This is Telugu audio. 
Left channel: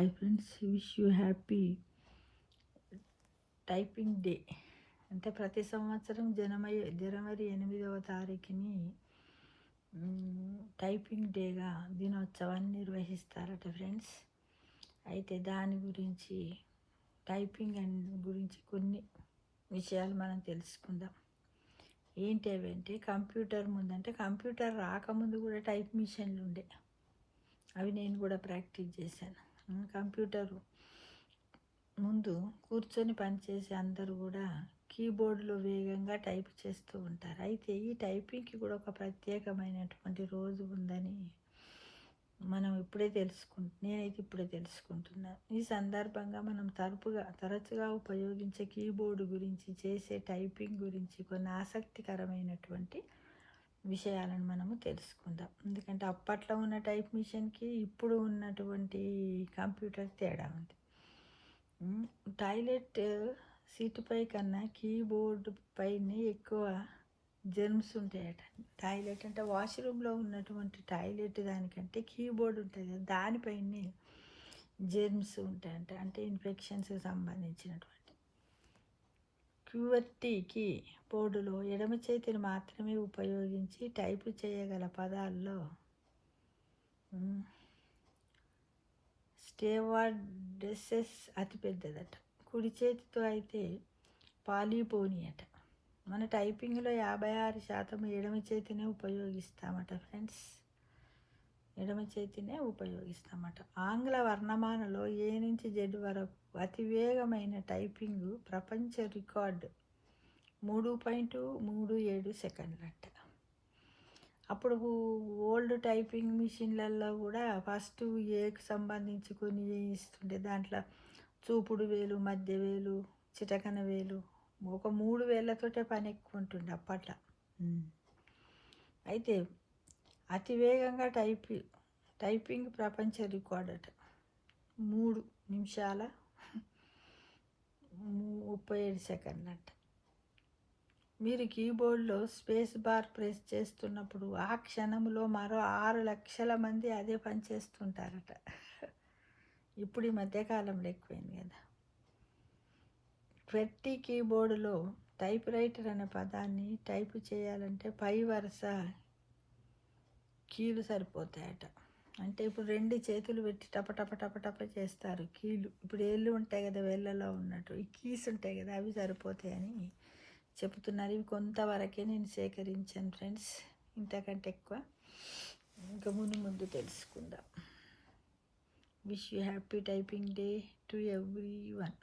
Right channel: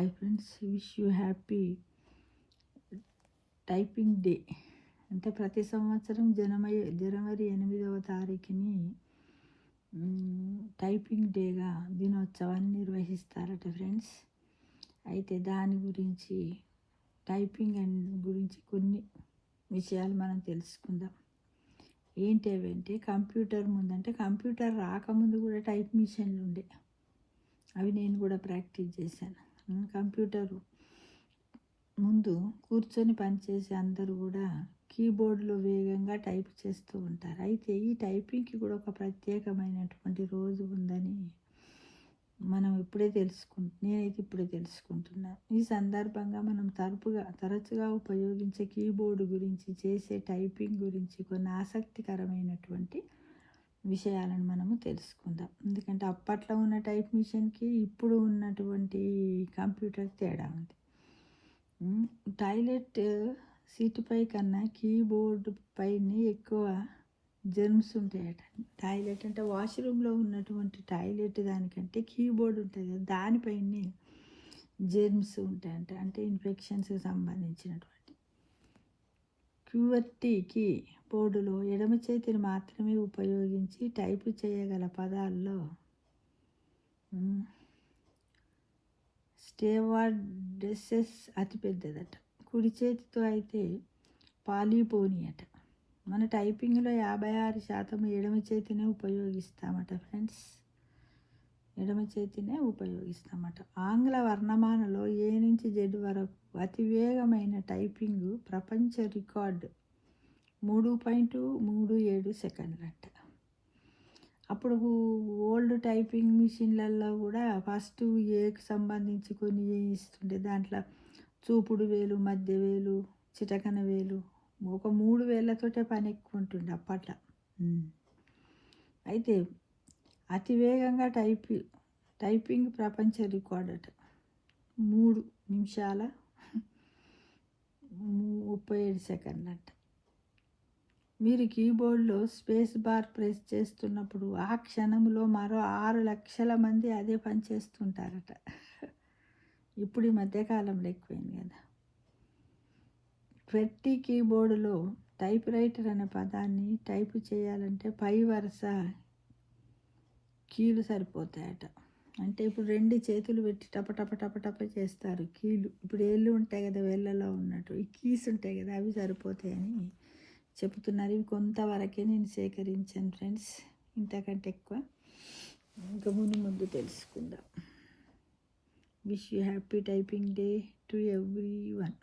Hi friends, wish you happy typing day. అంటే ప్రతి సంవత్సరం జనవరి 8వ తారీఖుని టైపింగ్ డేగా దినోత్సవాన్ని నిర్వహిస్తారట ఫ్రెండ్స్. అయితే దాని గురించి టైపింగ్ గురించి కొన్ని విషయాలు మనం తెలుసుకుందాం. ఏంటంటే కంప్యూటర్ రాకముందు కూడా టైప్ మిషన్లు ఉండే, అవి నేను కూడా ప్రాక్టీస్ చేశాను. కంప్యూటర్ ముందు కూర్చొని పనిచేసే అందరూ కూడా కీబోర్డ్లో వేగంగా టైప్ చేస్తూ ఉంటారు. అయితే ఈ టైపింగ్కి కూడా ఒక ప్రత్యేకమైనటువంటి రోజు ఉందని నేనైతే ఇప్పుడే తెలుసుకుంటున్నాను. ఈ సందర్భంగా మనం తరచుగా ఉపయోగించే కీబోర్డు గురించి, చేసే టైపింగ్ గురించి కొన్ని ఆసక్తికరమైనటువంటి విషయాలను మనము తెలుసుకుందాం. ఎందుకంటే అప్పట్లో ఉన్న టైప్ మిషన్కి ఇప్పుడు ఉన్నటువంటి కంప్యూటర్ తేడా ఉంది. టాయిలెట్ సీటుపై కన్నా కీబోర్డ్ పైనే ఎక్కువ జర్మ్స్ ఉంటాయట. టాయిలెట్ అంటే వాష్రూమ్లో ఉన్నటువంటి టాయిలెట్ దానికంటే కీబోర్డ్ ఉంటుంది కదా, దానిపైనే జర్మ్స్ ఉంటాయంట. అంటే ఇన్ఫెక్షన్స్కి సంబంధించినటువంటి. క్యూవర్టీ కీబోర్డులో ఎడమ చేతిని మాత్రమే ఉపయోగించి టైపు చేయగల పదాల్లో స్టేవార్డెసెస్ అతిపెద్దదట. కుడి చేతితో అయితే పాలీపోనీ అట. మన టైపింగ్లో 56% ఎడమ చేతినే ఉపయోగిస్తామట ఫ్రెండ్స్. ఎడమ చేతినే ఉపయోగిస్తామట. ఆంగ్ల వర్ణమాలలో A నుంచి Z వరకు అతివేగమైన టైపింగ్ ప్రపంచ రికార్డు 3.37 సెకండ్లట. అప్పుడు ఓల్డ్ టైపింగ్ మిషన్లలో కూడా ఫస్ట్ ఏకి సంబంధించి కొన్ని ఇస్తుండే. దాంట్లో చూపుడు వేలు, మధ్య వేలు, చిటకన వేలు, ఒక 3 వేలతోటే పని ఎక్కువ ఉంటుండే అప్పట్లో. అయితే అతివేగంగా టైపింగ్ ప్రపంచ రికార్డ్ అట 3 నిమిషాల 37 సెకండ్లట. మీరు కీబోర్డ్లో స్పేస్ బార్ ప్రెస్ చేస్తున్నప్పుడు ఆ క్షణంలో మరో 6 లక్షల మంది అదే పని చేస్తుంటారట. ఇప్పుడు ఈ మధ్యకాలంలో ఎక్కువైంది కదా. QWERTY కీబోర్డులో టైప్ రైటర్ అనే పదాన్ని టైపు చేయాలంటే పై వరుస కీలు సరిపోతాయట. అంటే ఇప్పుడు 2 చేతులు పెట్టి టప చేస్తారు కీలు. ఇప్పుడు ఏళ్ళు ఉంటాయి కదా, వేళ్ళలో ఉన్నట్టు ఈ కీస్ ఉంటాయి కదా, అవి సరిపోతాయని చెబుతున్నారు. ఇవి కొంతవరకే నేను సేకరించాను ఫ్రెండ్స్, ఇంతకంటే ఎక్కువ ఇంకా ముందు తెలుసుకుందాం. Wish you happy typing day to every one.